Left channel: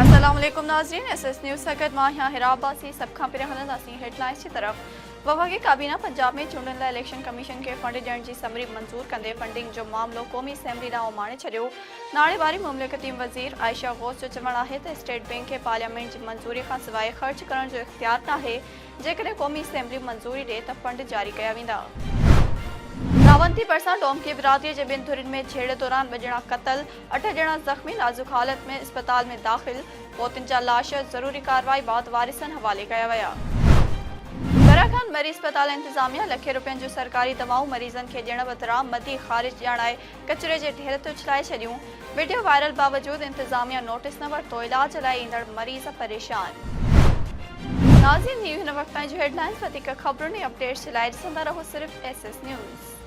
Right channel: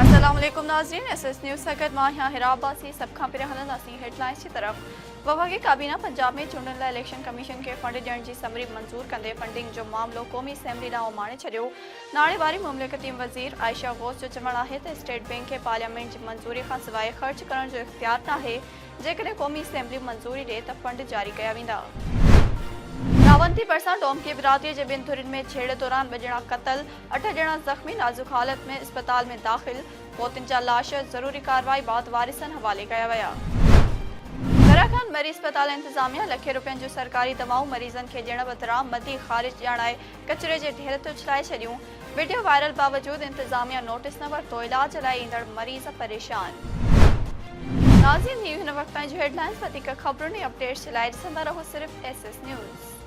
अस्सलाम वालेकुम नाज़रीन, SS न्यूज़ सगत मां यहाँ हिराबासी सब खां पहिरियों हलंदासीं हेडलाइंस की तरफ़। वफ़ाक़ी काबीना पंजाब में चूंडनि लाइ इलेक्शन कमीशन के फंड ॾियण जी समरी मंज़ूर कंदे फंडिंग जो मामलो क़ौमी असेंबली ॾांहुं माणे छॾियो। नाड़ेवारी मुमलिकती वज़ीर आयशा गौस जो चवणु आहे त स्टेट बैंक खे पार्लियामेंट जी मंज़ूरी खां सवाइ ख़र्च करण जो इख्तियार नाहे। जेकॾहिं क़ौमी असेंबली मंज़ूरी ॾिए त फंड जारी कया वेंदा। रावंती परसा डोमकी बिरादरी के बिन धुरिन में छेड़े दौरान 2 ॼणा क़तल, 8 ॼणा ज़ख्मी नाज़ुक हालत में अस्पताल में दाख़िल। पोतन जा लाश ज़रूरी कार्रवाई बाद वारिसन हवाले कया विया। दराखान मरी अस्पताल इंतजामिया लखे रुपयनि जो सरकारी दवाऊं मरीज़न के ॾियण बदिरां मदी ख़ारिज ॼाणाए कचरे जे ढेर ते उछलाए छॾियूं। वीडियो वायरल बावजूद इंतजामिया नोटिस न वरितो, इलाज लाइ ईंदड़ मरीज़ परेशान। नाज़रीन, हिन वक़्त जो हेडलाइंस वधीक ख़बरुनि ऐं अपडेट्स जे लाइ ॾिसंदा रहो सिर्फ़ SS न्यूज़।